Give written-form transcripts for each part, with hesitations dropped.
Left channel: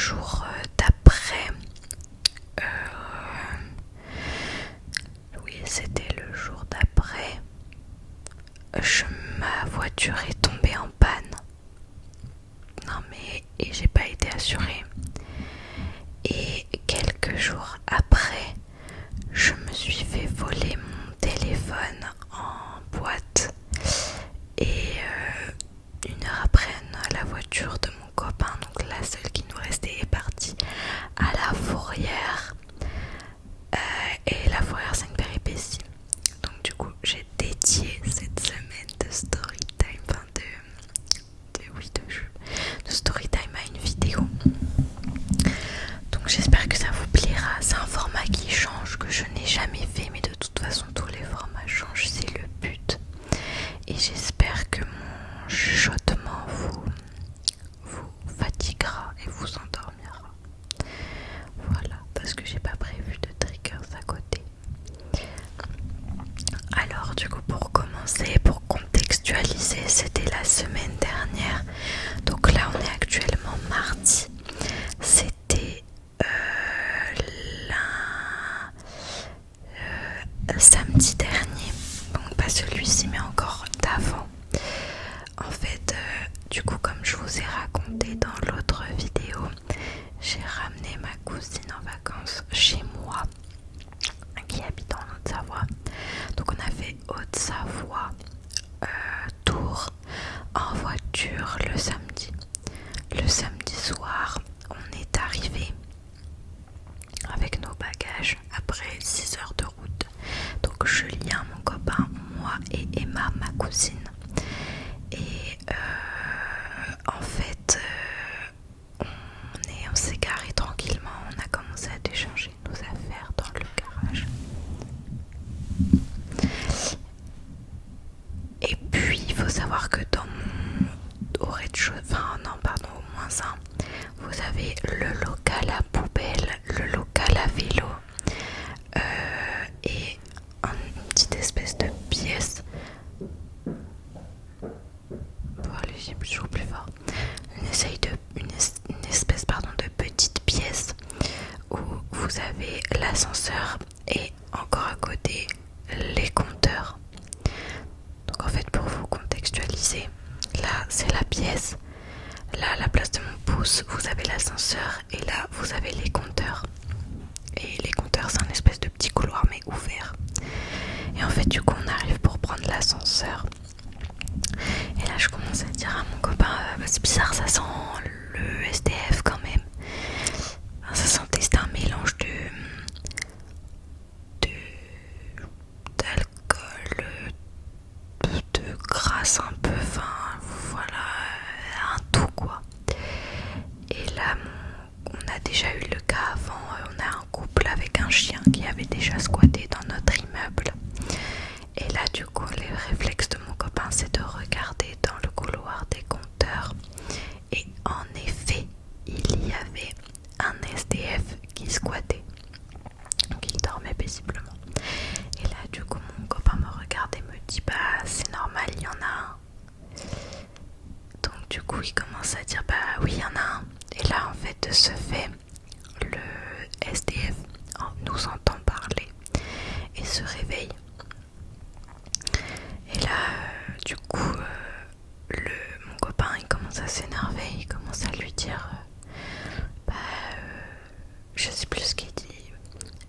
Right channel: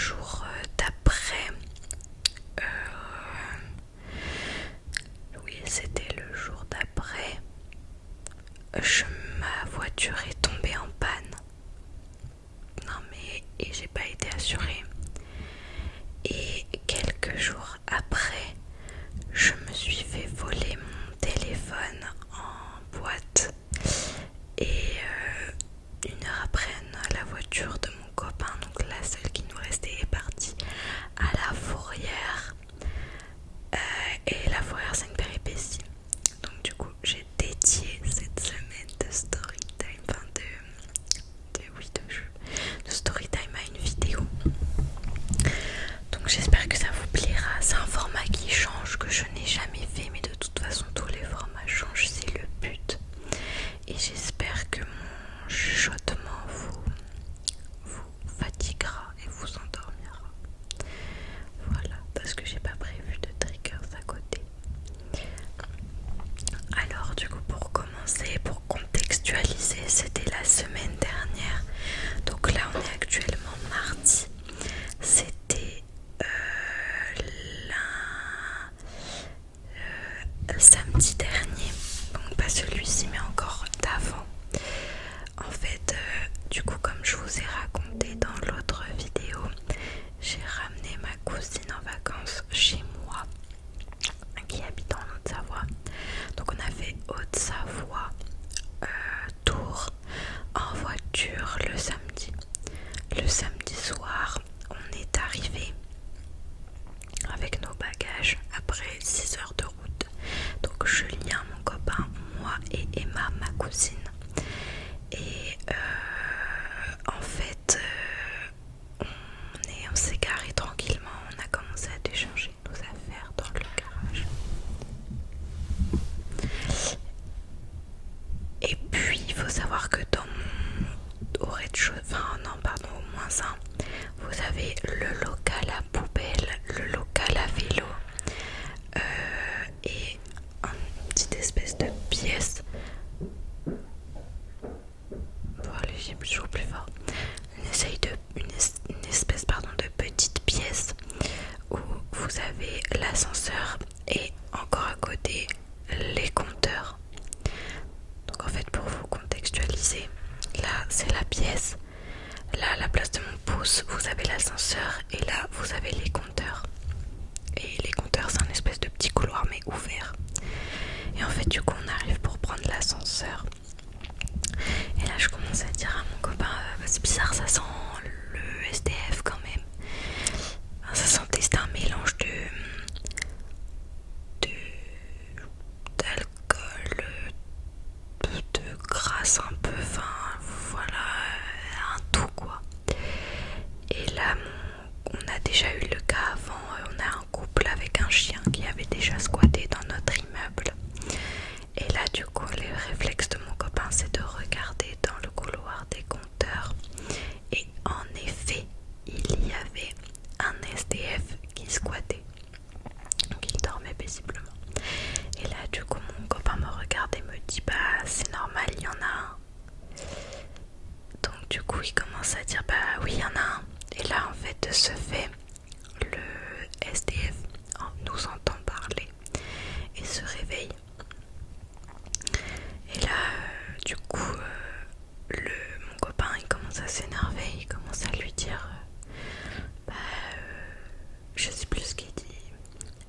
jour d'après. Oui, c'était le jour d'après. Ma voiture est tombée en panne. Non mais, et j'ai pas été assurée. Et quelques jours après, je me suis fait voler mon téléphone en boîte. Et 1 heure après, la voiture de mon copain, donc la seule qui nous restait, est partie à la Fourrière. Et la Fourrière, c'est une péripétie. Donc du coup, j'ai dédié cette semaine de storytime, enfin de storytime à une vidéo. Donc j'espère que ça vous plaira. C'est un format qui change, que je n'ai jamais fait, mais de toute façon tous les formats changent, c'est le but. Et j'espère que mon chuchotement vous fatiguera et vous endormira. Voilà, parce que j'ai pas prévu de triggers à côté. Alors du coup, pour commencer, pour contextualiser, c'était la semaine dernière. Donc là on est actuellement mardi. C'était samedi dernier, donc pas celui-ci mais encore d'avant. En fait, du coup, comme je vous ai raconté dans l'autre vidéo, j'ai ramené ma cousine en vacances chez moi, qui habite en Haute-Savoie. Donc on a fait Haute-Savoie, Tours en voiture le samedi. Le samedi soir, on est arrivé avec nos bagages après 6 heures de route. Donc Julien, mon copain, moi et Emma, ma cousine. Et en fait, on s'est garé tranquillement. On a commencé à décharger nos affaires dans le garage. Et puis, il faut savoir que dans au rez-de-chaussée, enfin non, pardon, au moins ça, vous avez le local à poubelle, le local à vélo et une petite espèce de pièce. Bon, allez, j'ai toujours plus fort. Une espèce de petite pièce où vous avez l'ascenseur et encore à côté les compteurs. Donc en fait, pour vous contextualiser, là c'est la pièce, là à la place de mon pouce vous avez l'ascenseur et là vous avez les compteurs. Et les compteurs, c'est un espèce de petit couloir mais ouvert. Et en fait, du coup, on arrive pour prendre l'ascenseur. Et là, je commence à dire à mon copain, c'est bizarre, ça sent le SDF quand même. Enfin, ça sentait, c'était un mélange d'alcool, de grâce un peu, enfin voilà, un tout quoi. Et là, on a déjà eu le cas avant, on a un couple avec un chien qui avait déjà squatté dans notre immeuble. Et là, du coup, le réflexe de mon copain, c'est de regarder dans le couloir des compteurs. Et en effet, il y avait un SDF qui squattait. Donc il dormait paisiblement. Et là, du coup, mon copain me regarde et me dit, bah c'est normal, il y en a un. Donc du coup, il commence à dire, bah oui, il y en a un. Et là, en fait, de ce fait, le SDF nous entend parler et se réveille. Et là, du coup, mon copain, il commence à s'énerver, il commence à lui dire, je sais plus ce qu'il dit.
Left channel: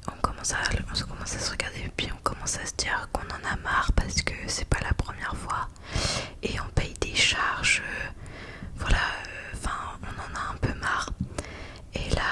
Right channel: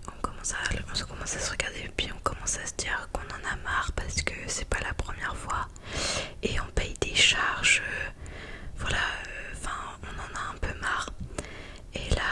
On commence à se regarder et puis on commence à se dire qu'on en a marre parce que c'est pas la première fois et on paye des charges, voilà, enfin on en a un peu marre. Et là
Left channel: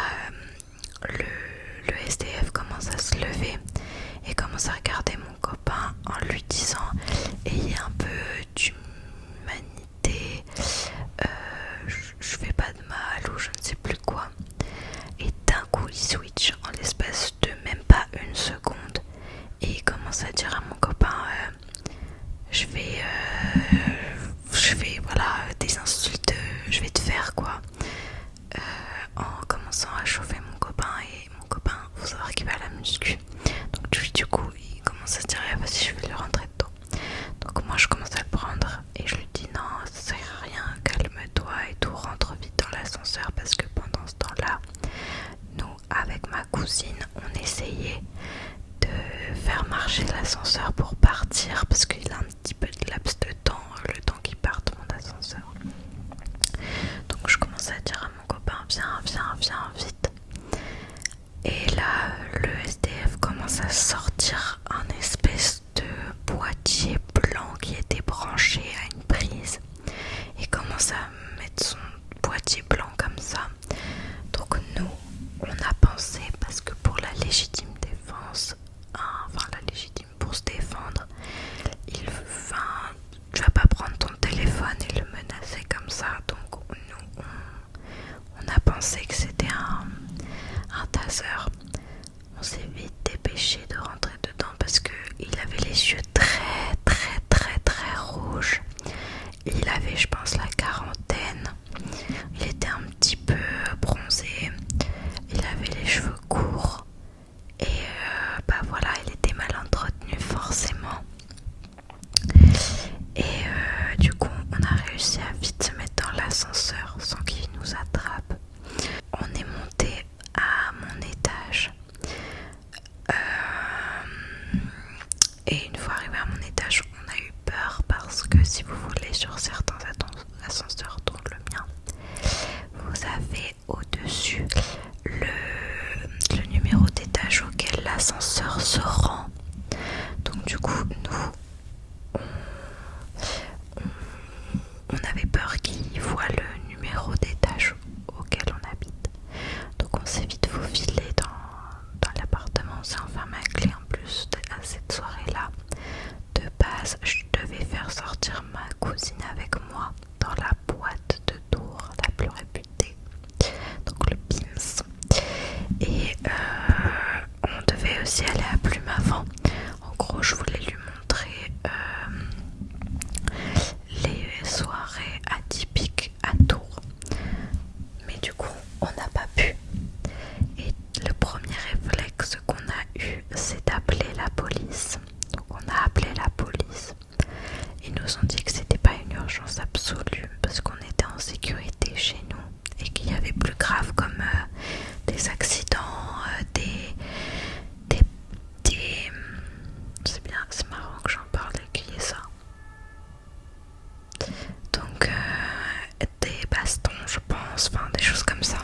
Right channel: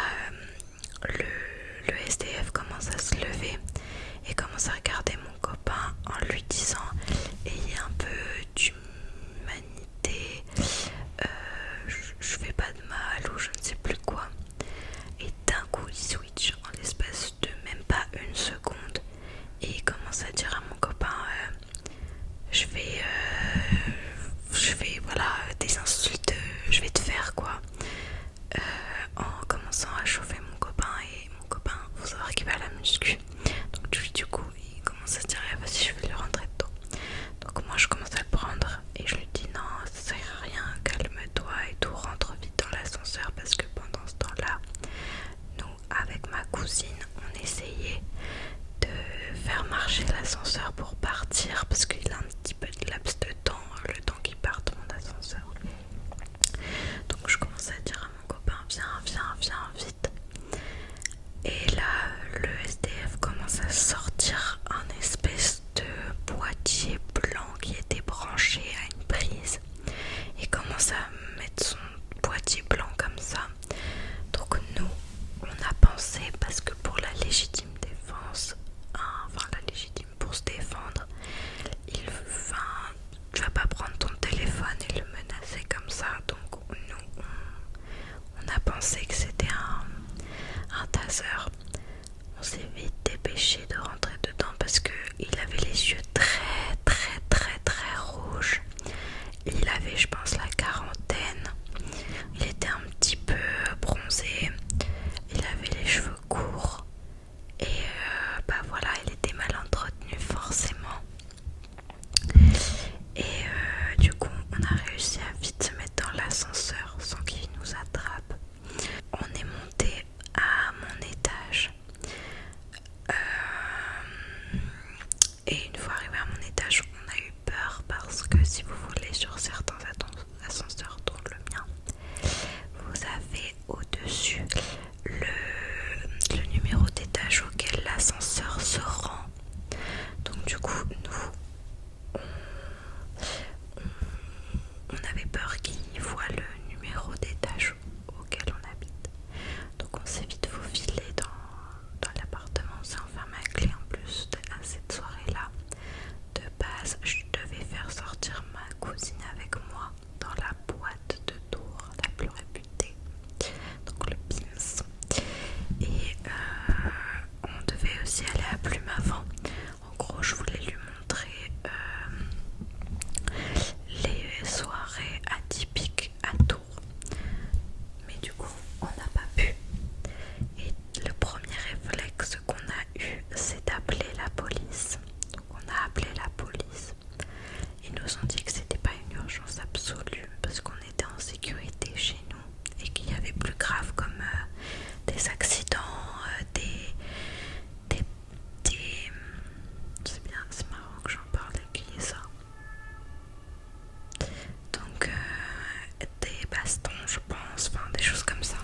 l'ascenseur. On s'est vite dépêché de rentrer dedans parce qu'il avait les yeux très très très très rouges. Il avait, je pense, la quarantaine. Il était un petit peu bronzé. Il avait les cheveux courts. Et bah voilà, il était mal entretenu forcément. Et du coup, on a réussi à vite se mettre dans l'ascenseur sans qu'il nous attrape. On est monté à mon étage. Et une fois arrivé à mon étage, on a eu peur parce que si vous voulez, sur certains ascenseurs, dont le mien, vous avez au-dessus le numéro d'étage auquel l'ascenseur se rend. Donc du coup, nous, on avait peur qu'il voit le numéro d'étage auquel on habite. Donc on s'est vite faufilé dans l'appartement, on s'est enfermé à clé en plus à cette soirée-là. De base, je devais faire sortir ma cousine avec moi dans la boîte de tour la plus réputée, donc le Pims. Et on devait aussi aller à Plumavant. En gros, je voulais lui montrer les soirées atypiques à Tours. Mais du coup, on n'a pas pu. Et le premier réflexe qu'on a eu, c'est d'appeler la police. Donc on a appelé la police. Ils nous ont dit que c'était pas une urgence absolue parce qu'on était en sécurité chez nous et qu'il y avait plus grave comme des accidents, c'est bien, c'est marrant que j'en parle et qu'il y ait ça. Donc des bastons, je pense, enfin des choses comme ça.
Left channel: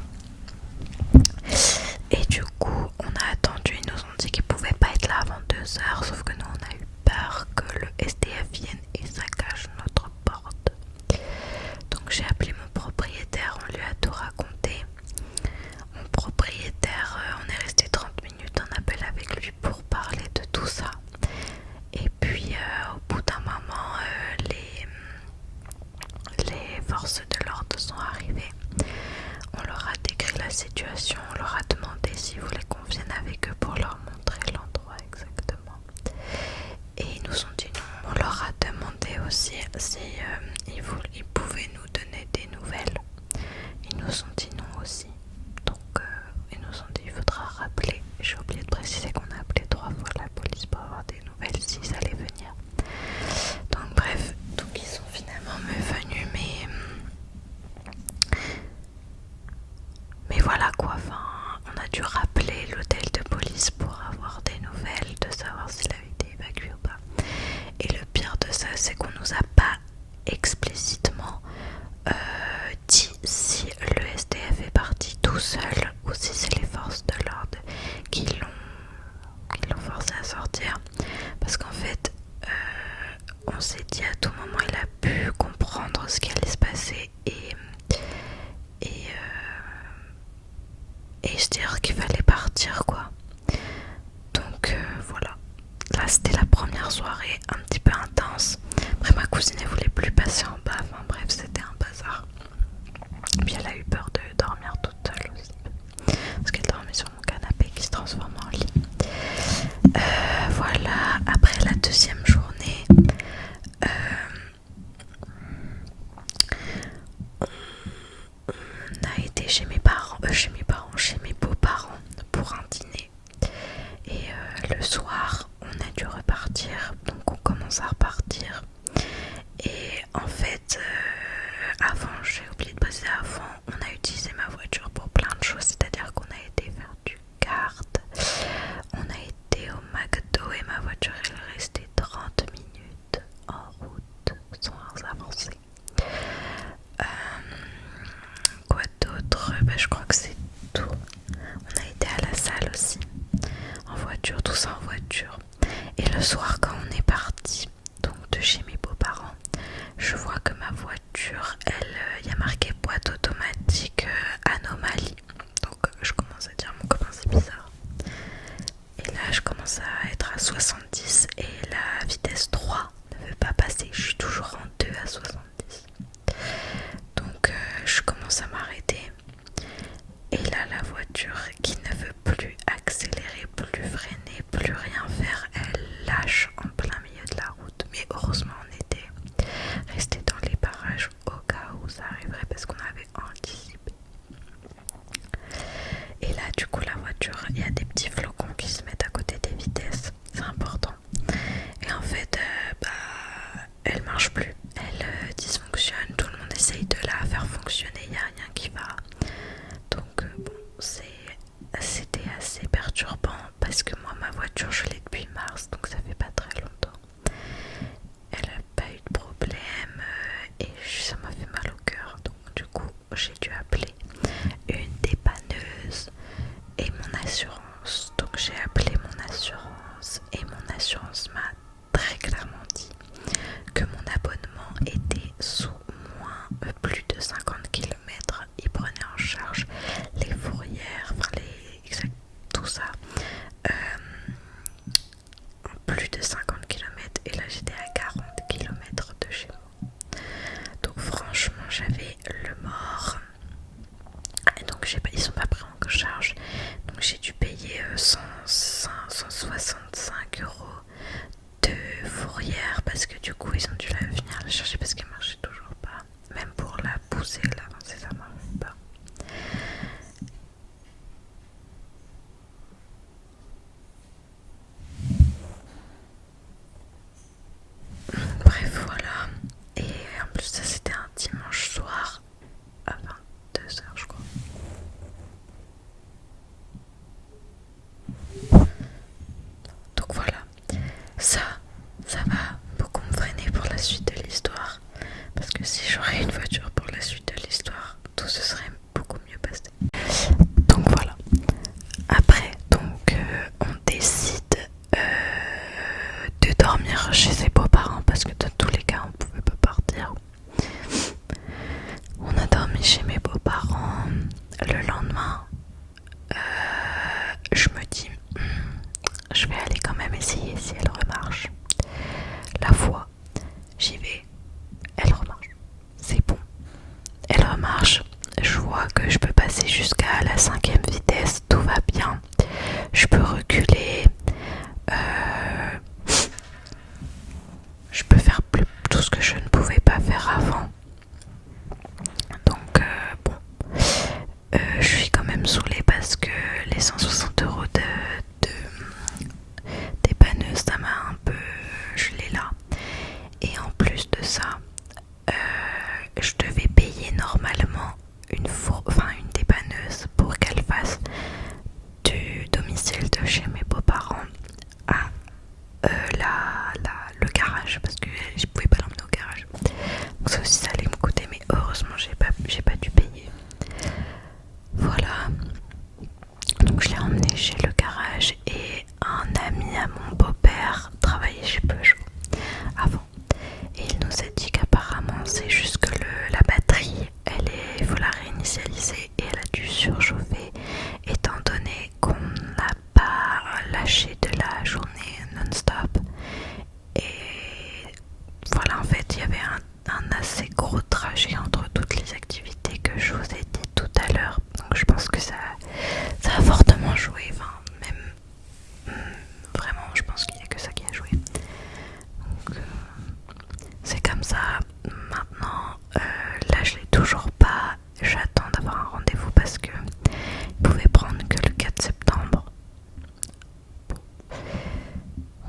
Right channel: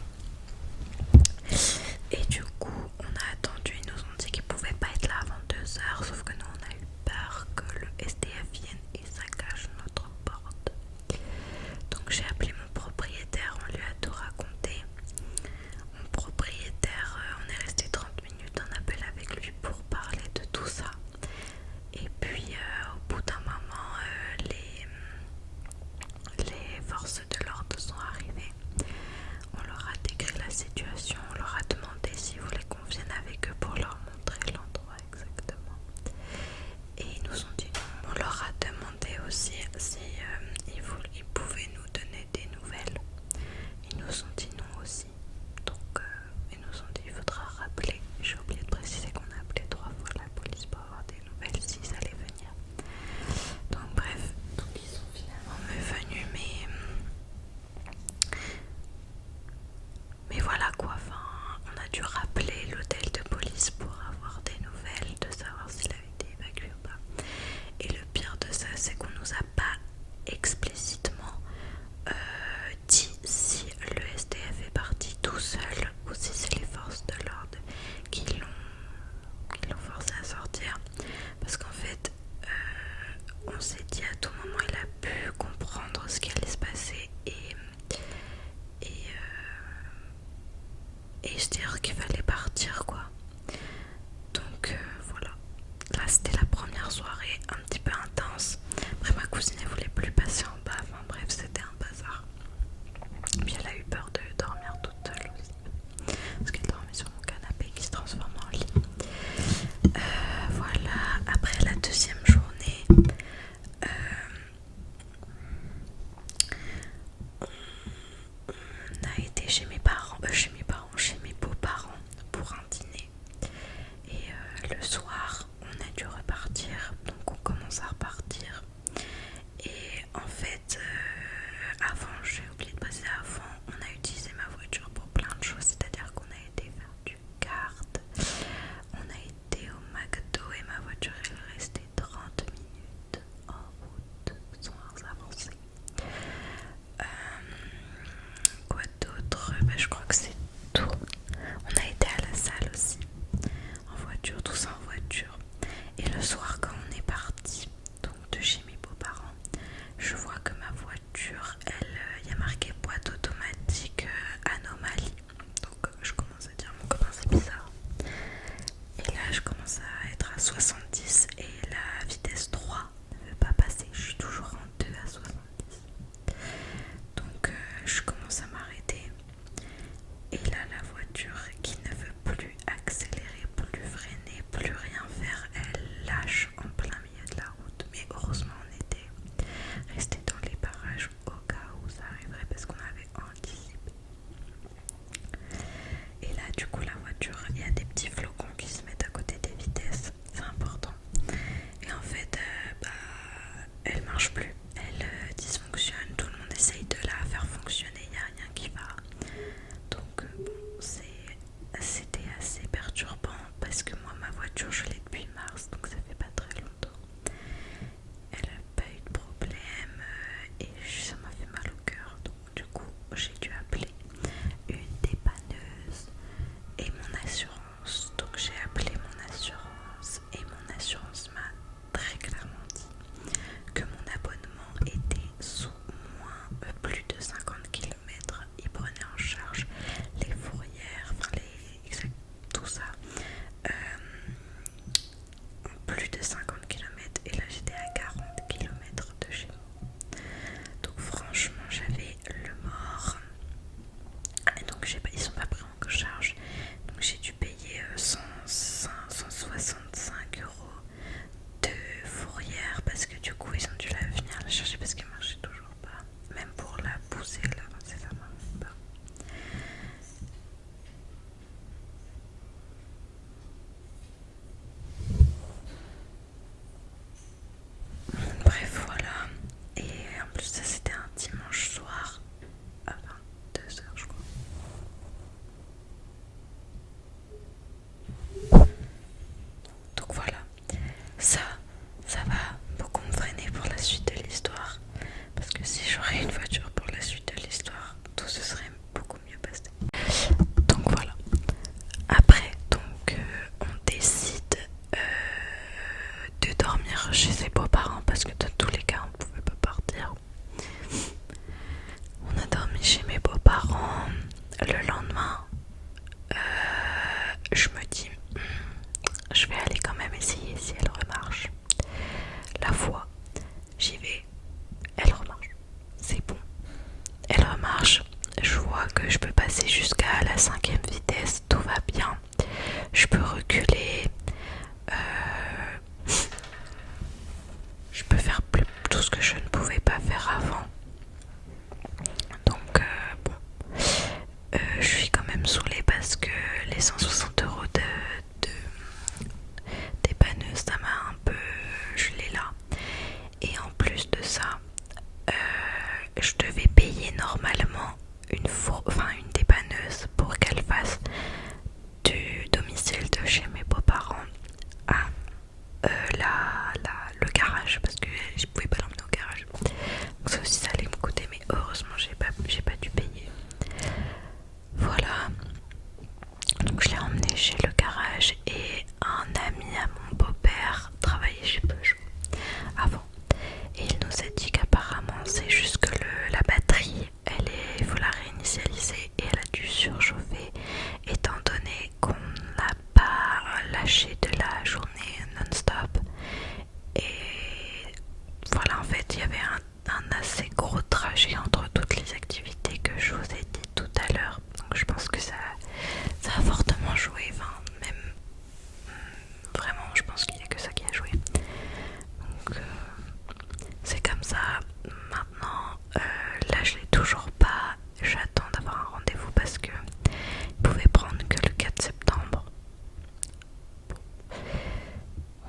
Et du coup, on a attendu, ils nous ont dit qu'ils pouvaient pas être là avant 2 heures, sauf que nous on a eu peur que le SDF vienne et saccage notre porte. Donc j'ai appelé mon propriétaire, on lui a tout raconté. Mon propriétaire, on est resté 30 minutes en appel avec lui pour parler de tout ça. Et puis au bout d'un moment, les forces de l'ordre sont arrivées. On leur a décrit la situation, on leur a demandé s'ils voulaient qu'on vienne avec eux pour leur montrer l'endroit exactement. Et ils nous ont dit non. On leur a demandé aussi si ils pouvaient nous donner des nouvelles. Ils nous ont dit non aussi. Donc ils nous ont dit il faudra rappeler. J'ai oublié de préciser qu'on a appelé 3 fois la police pour avoir des nouvelles s'ils allaient venir. Donc bref, donc ils sont finalement venus, mais voilà quoi, enfin, on a dû rappeler l'hôtel de police pour avoir des nouvelles, de savoir s'il avait été évacué ou pas. Et le pire de ça, c'est qu'on nous a pas explicitement dit si le SDF est parti tout seul ou si c'est les forces de l'ordre qui l'ont forcé à sortir. Parce qu'en fait, on s'est dit à tout moment il a pu comprendre ce qui allait se passer et se dire qu'il fallait partir quoi. Donc voilà, là c'était la première soirée un petit peu intense. Après ma cousine elle voulait plus passer en bas, enfin bref c'était un bazar. Puis elle a eu peur de dormir toute seule aussi parce qu'elle dormait sur mon canapé qui se transforme en lit. Voilà, après la deuxième journée, on a été chez mes beaux-parents pour un dîner. Et le soir, on a dû repartir, donc on commence à repartir. Et en fait, avant, j'ai oublié de passer avant, on a utilisé ma voiture pour plein de choses, c'est-à-dire qu'on a été faire du kart, on a été au McDo et ma voiture elle est restée 30 minutes en route sans avancer. Quoi d'autre? Je crois que c'est tout. On a été à la salle aussi, en voiture, tout ça en voiture. Et le soir quand on est parti, donc de chez mes beaux-parents, je vois que ma voiture, il y a marqué boîte automatique anomalie. Donc je commence à dire mon copain c'est bizarre. Et là je commence à être à 70 et la vitesse 3 ne veut pas passer. Je suis toujours en 2 à 70. Donc je commence à m'arrêter. Et là la voiture qui ne veut plus voiture, je l'ai depuis mars, donc ça fait pas très longtemps. Elle a pas eu de problème et ça m'a fait mal au cœur. Donc du coup, j'ai dû appeler une dépanneuse et mon assurance. Donc j'ai appelé mon assurance et mon assurance m'a très clairement dit que mon abonnement était sous plus de 50 km. Il prenait en charge les fourrières, enfin tout ça. Plus de 50 km et là j'étais à 40 km de chez moi. Donc franchement j'avais le mort. Et donc ils sont pas pris en charge. Donc j'ai dû payer 165 euros de fourrière parce que du coup ils ont dû venir la chercher parce qu'elle marchait toujours pas. Même pour la pousser là, c'est ça marche pas. Bref voilà. Et en plus ça c'était un dimanche soir à 22h je crois. Donc voilà, ça va beaucoup me freiner pour la suite de l'histoire. Parce que si j'aurais une voiture pour la suite de l'histoire, tout se serait beaucoup mieux passé. Donc voilà. Après, on décide de dormir chez ses beaux-parents parce que dans tous les cas, on pouvait pas partir. On a dormi chez mes beaux-parents. Le lendemain, je me dis, je vais aller quand même essayer si elle remarche. La fois, j'y vais, elle remarche. C'est bon. Elle remarche. Je vois que je peux passer jusqu'à la 5e vitesse, tout va bien. Je peux reculer. Je peux faire tout ce que je ne pouvais pas faire avant. Donc bon, je suis quand même saoulée parce que les 160 euros de dépanneuse, ça m'a un peu gelé là. Et en plus de ça, je devais payer normalement une dépanneuse pour qu'elle fasse du domicile de chez mes beaux-parents à le garage parce que je pouvais pas l'emmener au garage. Donc ça aussi ça allait me coûter, mais heureusement j'ai pas dû payer. Voilà. Donc je l'ai emmené chez le garage et un ami à mon beau-père travaillait chez Peugeot avant. Et il nous a dit qu'apparemment c'est juste que la batterie, il faut la réinitialiser et elle a dû surchauffer étant donné qu'on n'a pas lâché de la journée non-stop. Et voilà, en fait il y avait un assez gros trajet entre toutes les activités que je vous ai dit tout à l'heure. Donc je pense que ça a fortement joué, enfin même vraiment je pense qu'il n'y a que ça qui a joué. Donc c'est comme ça. Maintenant là je l'ai toujours pas, j'attends d'avoir un rendez-vous parce que il pouvait prendre que le 4 septembre. Bon.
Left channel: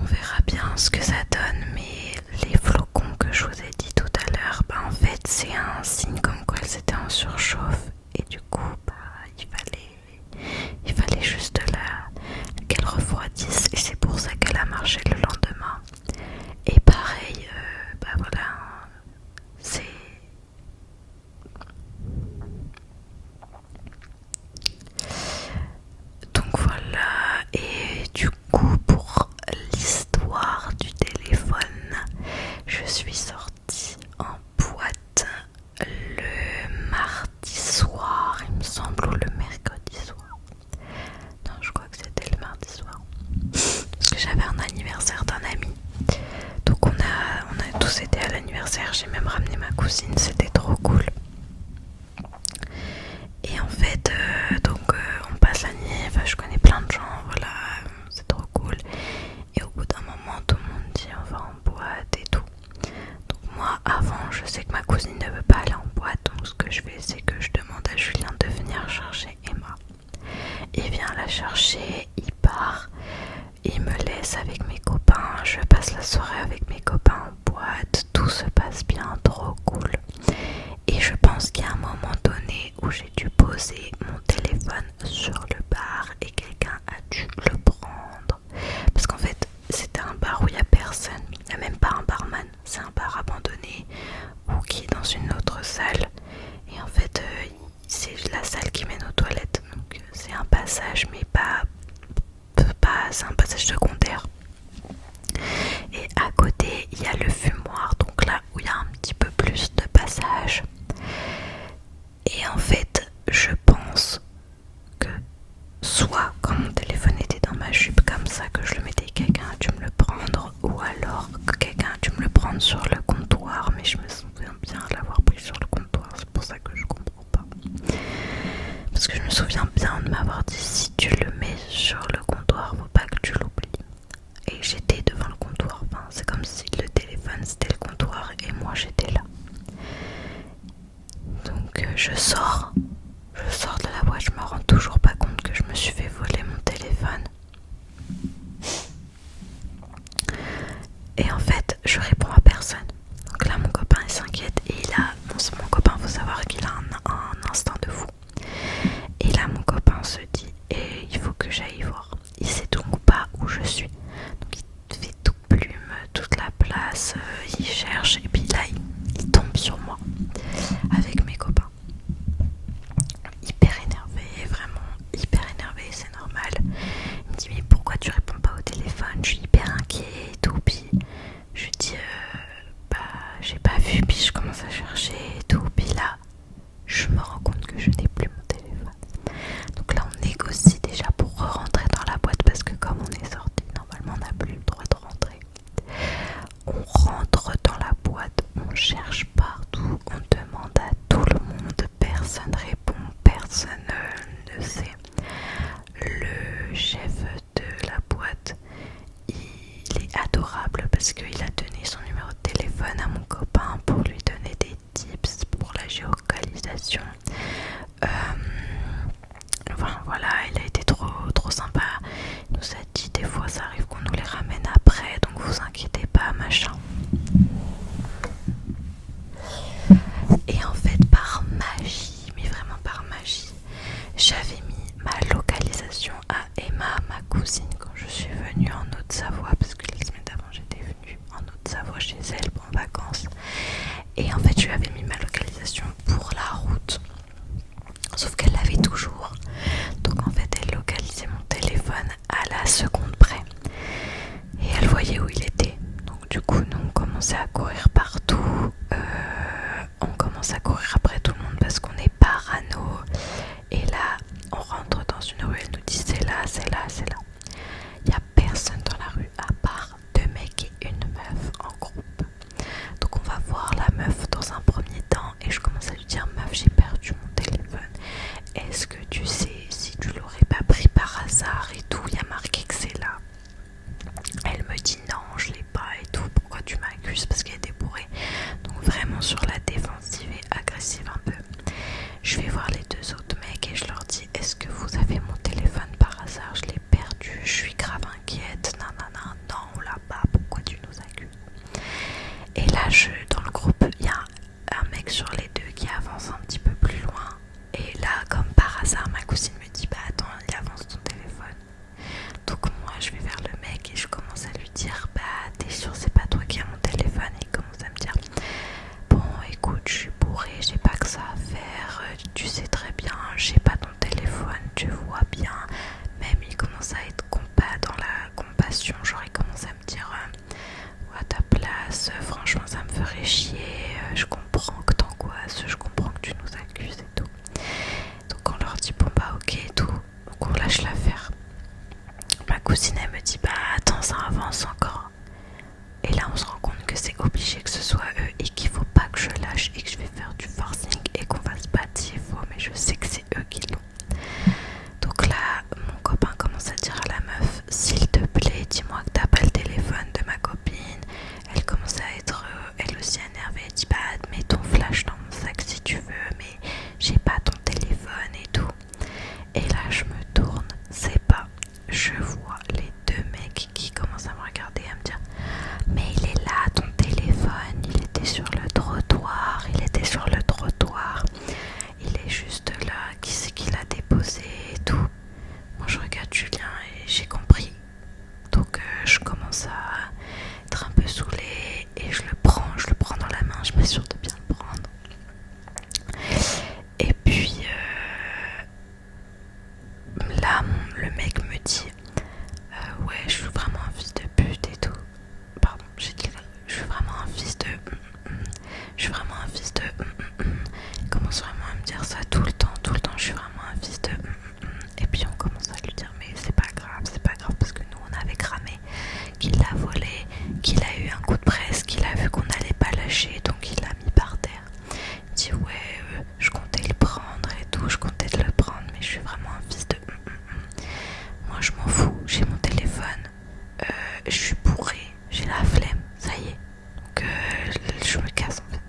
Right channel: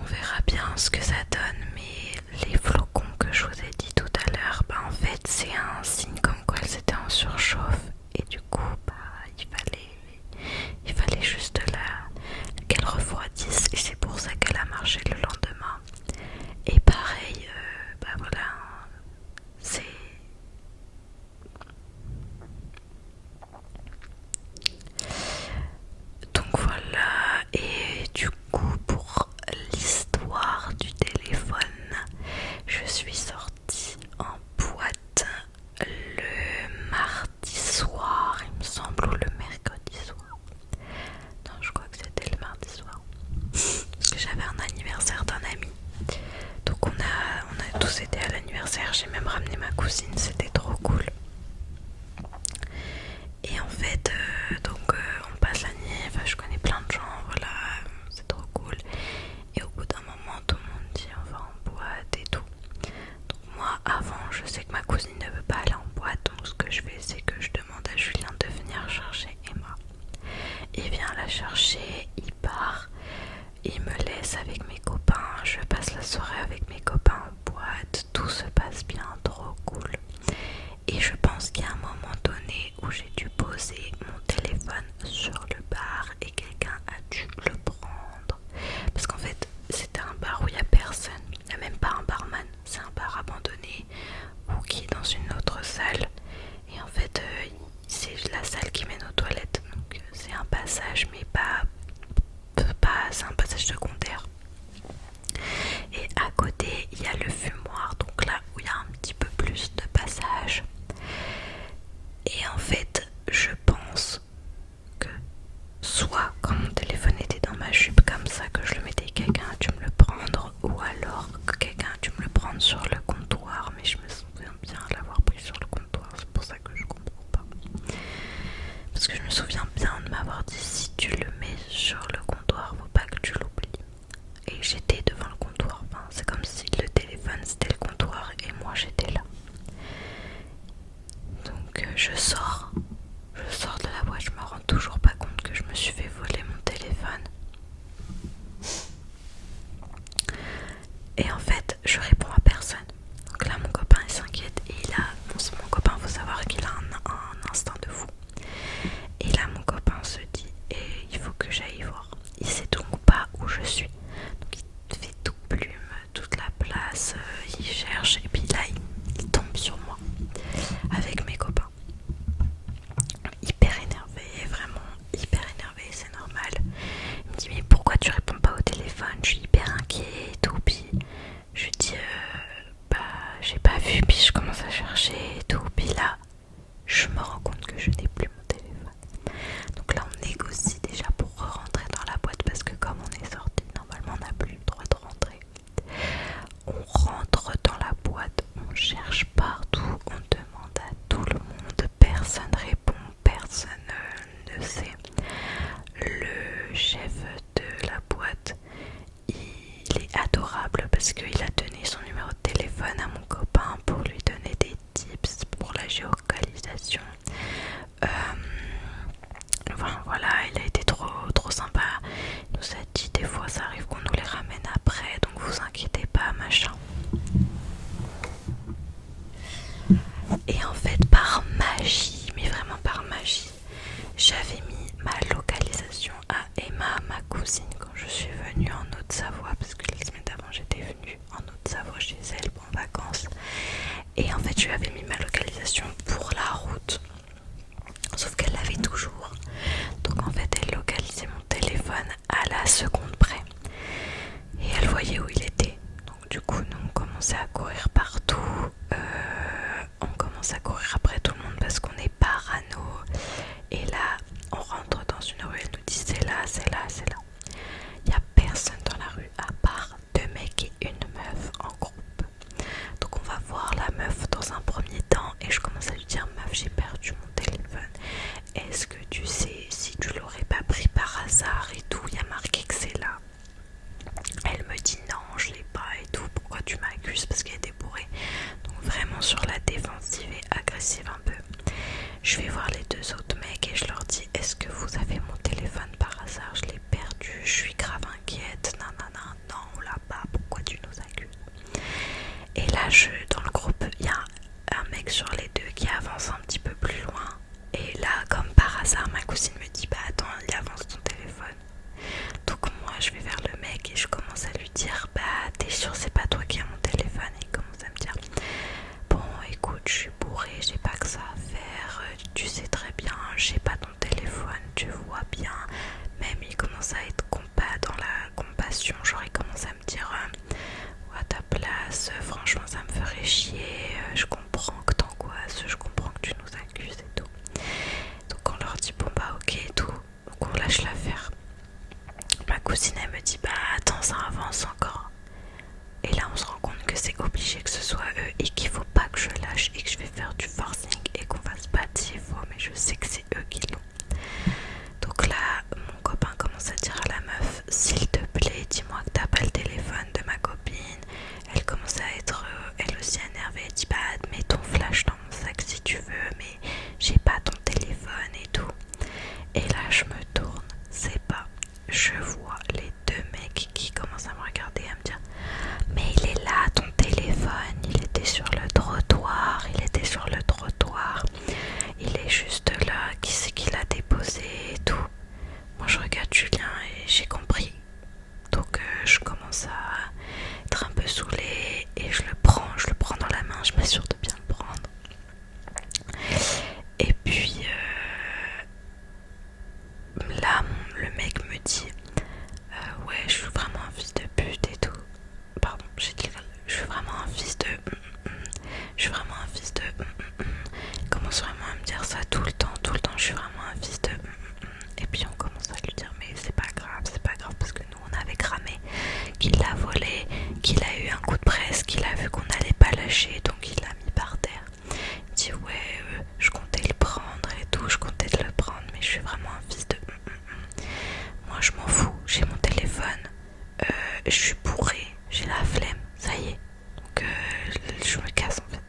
On verra bien ce que ça donne, mais les flocons que je vous ai dit tout à l'heure, en fait c'est un signe comme quoi elles étaient en surchauffe et du coup il fallait juste qu'elle refroidisse et c'est pour ça qu'elle a marché le lendemain. Et pareil, voilà, c'est... Donc voilà, et du coup pour l'histoire du téléphone, je suis sortie en boîte le mardi soir, il me semble, ou le mercredi soir. Non, je crois que c'était le mardi soir. Parce que j'avais un anniversaire d'un ami. Donc on a tous été à l'anniversaire, j'ai même ramené ma cousine, c'était trop cool. Et en fait, on passe la nuit, enfin je connais plein de gens, voilà, c'est trop cool. Et au bout d'un moment, tout le monde dit on va en boîte et tout. Donc moi, avant, je sais que ma cousine ne veut pas aller en boîte, donc ce que je fais, c'est que je demande à Julien de venir chercher Emma. Il vient la chercher, il part, il me laisse avec mes copains, je passe la soirée avec mes copains en boîte, tout se passe bien, trop cool. Et je pense qu'il y a un moment donné où j'ai dû poser mon téléphone sur le bar et quelqu'un a dû le prendre. Parce passage, mais pas c'est un passage secondaire. Et à côté il y a le fumoir, donc là où il y a un petit peu plus de passage. Et en fait je pense que soit quand mon téléphone était dans ma jupe comme ça, que je le mettais, quelqu'un a dû me le prendre, ou alors que quelqu'un a dû me le prendre sur le comptoir, mais je me souviens bien de l'avoir pris sur le comptoir, c'est pour ça que je comprends pas. Parce que je me souviens bien de m'avoir dit, si tu le mets sur le comptoir, faut pas que tu l'oublies. Et j'étais devant le comptoir, enfin, c'est comme si le téléphone c'était le comptoir et moi j'étais là. Donc je sors de la boîte, je me rends toujours pas compte que je me suis fait voler mon téléphone. Et en fait, je réponds à personne. Donc là, mon copain il s'inquiète et mon copain, faut savoir qu'il a un instinct de fou. Et là, mon copain se dit, et il faut que j'aille voir. Il sait donc pas où je suis. Donc il fait tout plume, toute la place, il cherche et puis là, il tombe sur moi avec mes copains. Hyper énervé, vraiment hyper énervé, c'est normal. Il me dit mais pourquoi tu réponds pas au téléphone? Je suis hyper inquiet et tout. Puis je lui dis j'ai pas vu, puis je commence à chercher et tout. Puis là je me rends compte que je n'ai plus mon téléphone. Donc là on négocie déjà pour rentrer dans la boîte parce que comme on est sorti, normalement on n'a plus le droit de rentrer. On rentre dans la boîte, on cherche partout, on demande à tout le monde, personne répond, personne ne sait. Le chef de la boîte, il est adorable parce qu'il a donné son numéro de téléphone à mon copain pour lui donner des tips pour la géolocalisation. Enfin voilà, il a été trop sympa. Il nous a dit des fois ça arrive qu'on nous les ramène après, donc vous inquiétez pas, machin. Et en fait par magie, mais vraiment par magie, j'avais mis ma localisation à Emma, ma cousine, quand je suis venue en Haute-Savoie, parce que la semaine d'avant j'étais venue en Haute-Savoie chez elle pour vacances. Et en fait je lui avais mis ma localisation pour la route, sauf qu'elle l'avait toujours. Donc en fait elle localisait mon téléphone à la seconde près et elle voyait où il était. Donc du coup nous on commençait à courir partout, on commence à courir après tout le monde parce qu'on est parano. Et là on rentre dans une rue, elle nous dit c'est là, c'est là, c'est là. Il n'y a personne dans la rue à part 2 mecs et une meuf en groupe. Donc on va voir la meuf dans un premier temps et je commence à lui dire meuf, j'ai perdu mon téléphone. Est-ce que tu sais si tu l'aurais pas pris par hasard et tout? Il y a marqué que c'est là. Elle me dit non, je l'ai pas et tout. Pourquoi tu m'accuses? Parce qu'elle était bourrée. Donc vraiment sur la défensive et agressive un peu. Je vais voir les 2 autres mecs et je leur dis est-ce que vous avez mon téléphone par hasard? Je l'ai perdu, je suis grave inquiète. Non, on l'a pas. Pourquoi tu nous accuses? Et là dans le groupe il y a un mec sur les 2 qui avance un petit peu plus loin. Et là comme par hasard ma cousine me dit bah attends, il avance ton téléphone. Donc moi je vais vers le mec et je commence à lui dire bah t'es sûr c'est pas toi qui as mon téléphone? Et il commence à me dire bon écoute, je suis bourrée, j'ai pas que ça à faire, tu sais très bien, j'ai pas ton téléphone, tu vois bien. Même il commence à être dans la compassion, genre il commence à me dire à ta place, franchement ça me ferait chier, je comprends que t'angoisses, je comprends que tu nous accuses et tout. Donc on leur dit bon bah ok et tout, donc on lâche l'affaire. Ma cousine elle me dit bah attends, ça avance encore. Et là on se rend compte que c'est obligé que ce soit eux et qu'il faut pas que je lâche et que je vais faire du forcing et qu'on va se battre s'il faut, mais je sais que c'est eux qui l'ont. Donc là mon copain commence à dire à la meuf s'il te plaît dis-moi que t'as pas le téléphone de ma copine. Elle commence à être elle aussi énervée, elle dit bah mets ton flash dans mon sac si tu veux, mais j'ai pas ton téléphone et tout. Et là je me tourne, c'est pas, je vois les 2 mecs qui commencent à me regarder et à me dire mais il est là ton téléphone, il était sur le trottoir, il est juste là, qui c'est qui l'a déposé et tout. Moi je regarde Julien et j'ai compris, donc je commence à être un peu saoulée et je le prends dans la main, je m'assure de bien le prendre. Et puis là mec me dit ouais, je suis vraiment un fils de pute et tout. Pardon, j'ai dit je suis vraiment un fils de je suis vraiment un fils de il commence vraiment à me dire ça tout le temps, je suis vraiment un fils de et puis on commence à lui dire mais c'est pas grave parce que nous on avait cramé qu'il l'a volé, qu'il a eu un coup de presse, qu'il a vu qu'on n'allait pas lâcher donc il l'a mis par terre. Il me dit ouais je comptais le prendre et tout, je comptais le prendre mais je suis vraiment un fils de moi je m'en fous, j'ai mon téléphone, je suis bourrée, j'ai la flemme, ça y est. Donc je me casse en fait.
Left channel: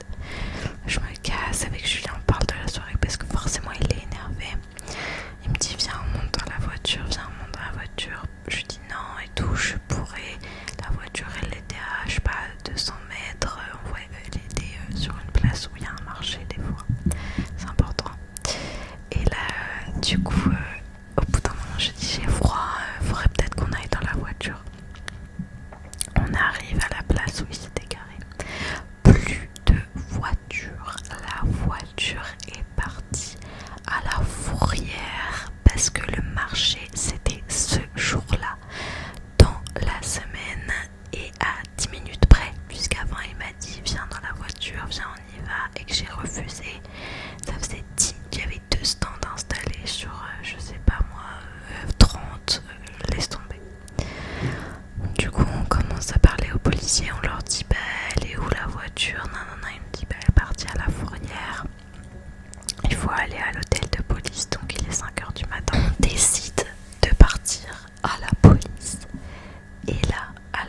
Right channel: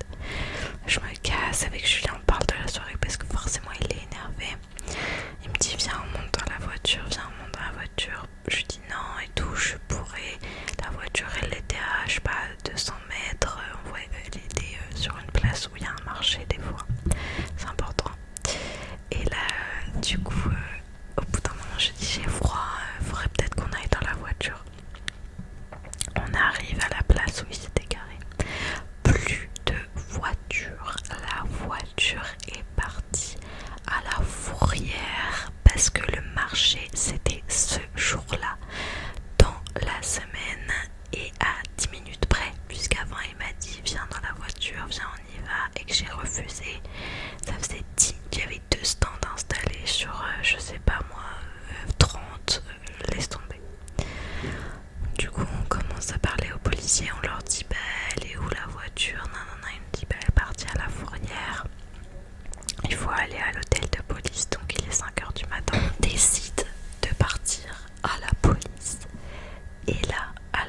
Je me casse avec Julien, on parle de la soirée parce que forcément il est énervé. Il me dit viens on monte dans la voiture, Je lui dis non et tout, je suis bourrée. La voiture elle était à je sais pas 200 mètres, ouais, elle était sur une place où il y a un marché des fois. C'est important. Et là du coup au bout d'un moment je dis j'ai froid, faudrait peut-être qu'on aille dans la voiture. On arrive à la place où il s'était garé. Plus de voiture. La voiture est partie à la fourrière parce que le marché c'était ce jour-là dans la semaine et à 10 minutes près puisqu'avant il m'a dit viens dans la voiture, viens on y va et que j'ai refusé. Ça faisait 10, il y avait 2 stands installés sur je sais pas moi 30, laisse tomber. Du coup on commence à parler aux policiers, on leur dit bah elle est où la voiture, non, il me dit bah elle est partie à la fourrière, il faut aller à l'hôtel de police, donc il est 5h du matin, on décide de partir à la police et là à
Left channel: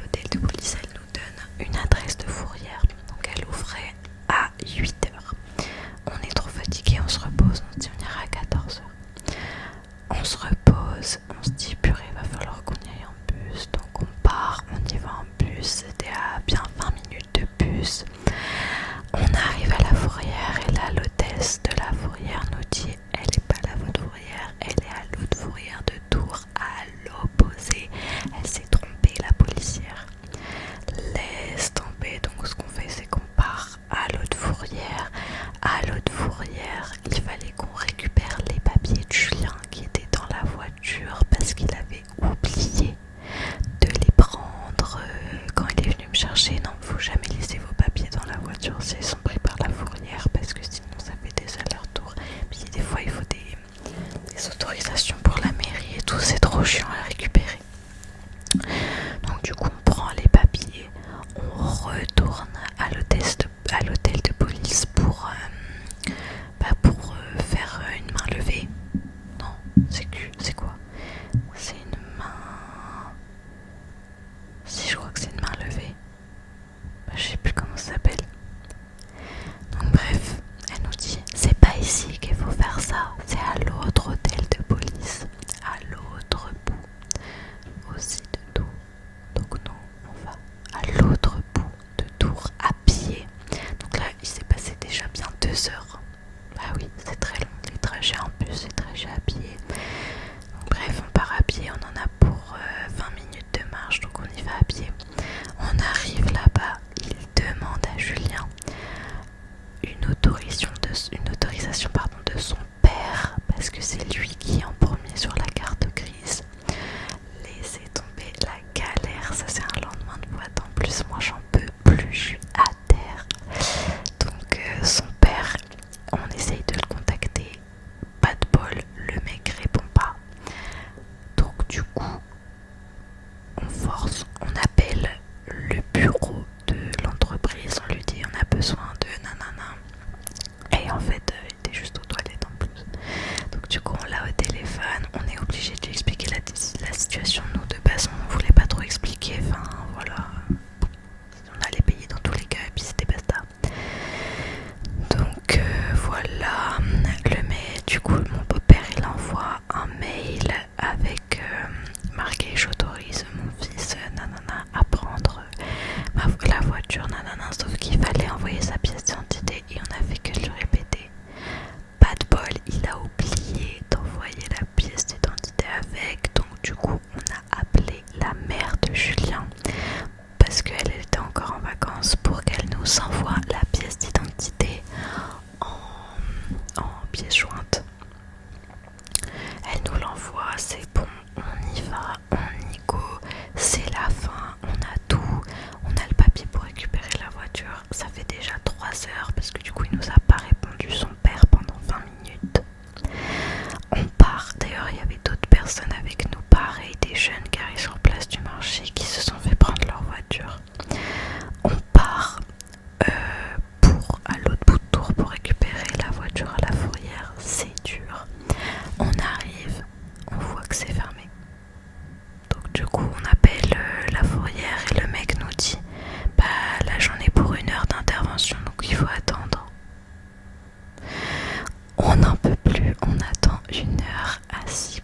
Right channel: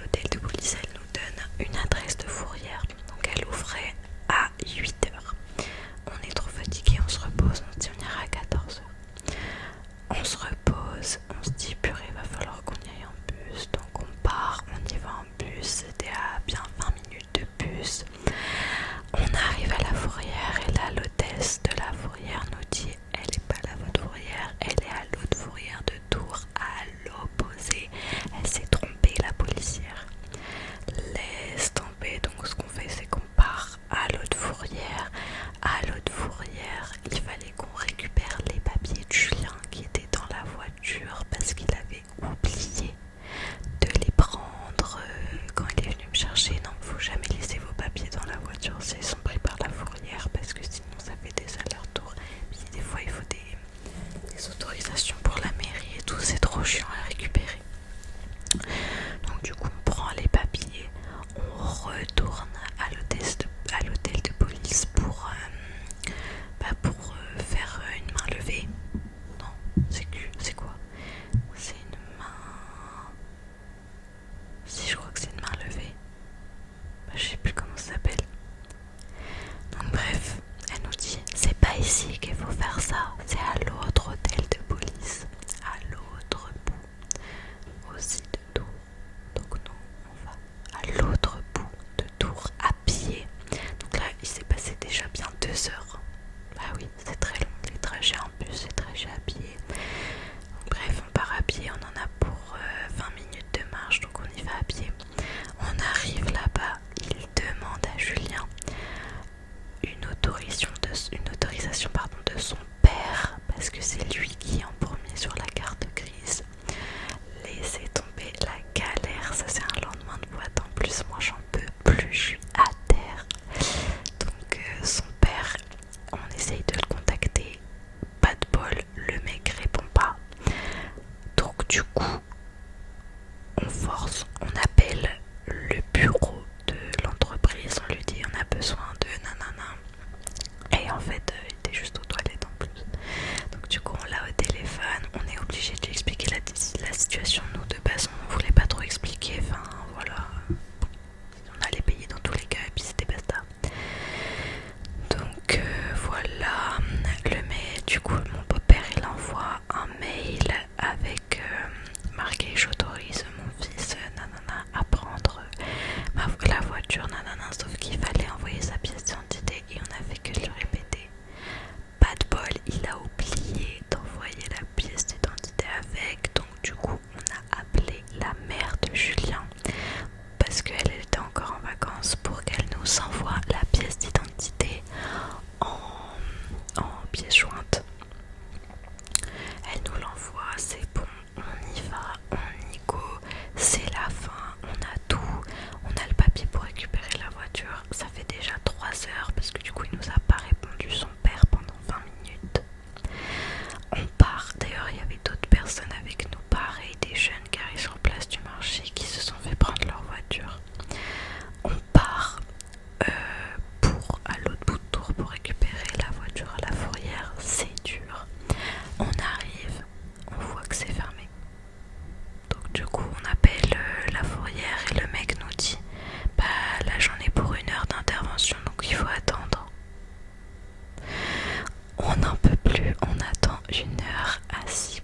l'hôtel de police elle nous donne une adresse de fourrière, donc elle ouvrait à 8h. On est trop fatigué, on se repose, on se dit on ira à 14h. On se repose, on se dit purée, va falloir qu'on y aille en bus, donc on part, on y va en bus, c'était à bien 20 minutes de bus. On arrive à la fourrière et là l'hôtesse de la fourrière nous dit elle est pas là votre fourrière, elle est à l'autre fourrière de Tours, à l'opposé. Elle s'est trompée la policière. Laisse tomber, donc ce qu'on fait c'est qu'on part à l'autre fourrière. À l'autre fourrière, il fallait qu'on récupère les papiers de Julien qui étaient dans la voiture parce qu'il avait oublié de les prendre quand il est venu me chercher. Non, faut jamais laisser vos papiers dans la voiture s'ils sont pris par la fourrière parce que sinon ça fait des allers-retours. Puis des fois il faut des autorisations pour la mairie et tout, c'est trop chiant à récupérer. Donc du coup on prend les papiers, on retourne à l'hôtel de police pour faire une main levée. Non, c'est quoi? C'est une main... Si, je crois que c'est une main levée. Je sais plus comment ça s'appelle. Donc bref, elle nous dit c'est pas ici qu'il faut faire ça, c'est à l'autre hôtel de police, à l'autre bout aussi de Tours. Donc nous on va à l'autre bout de Tours à pied. Donc là il s'est passé déjà bien 2 heures. Bah oui, c'est très long, les trajets en bus, les trajets à pied. Donc bref, on part à pied, on en a pour 20 minutes de marche, donc on y va à pied. On arrive là-bas, il demande à Julien une autorisation de son père, parce que c'est lui qui est en premier sur la carte grise. Laissez tomber la galère, ça c'est un lendemain de boîte en plus, moi j'en peux plus, je suis à terre. Donc son père, on essaye de le contacter, pas de bol, le mec répond pas. Donc du coup, on force, on appelle le bureau de l'entreprise, on lui dit on a besoin de nanana. Et en fait, il était juste aux toilettes en plus. Donc du coup, on l'a au téléphone, on est obligé de lui expliquer la situation. Nous de base, on voulait pas trop expliquer, enfin voilà. On allait payer dans tous les cas et puis c'était basta. Donc voilà, du coup mon beau-père il envoie un mail avec heure à 6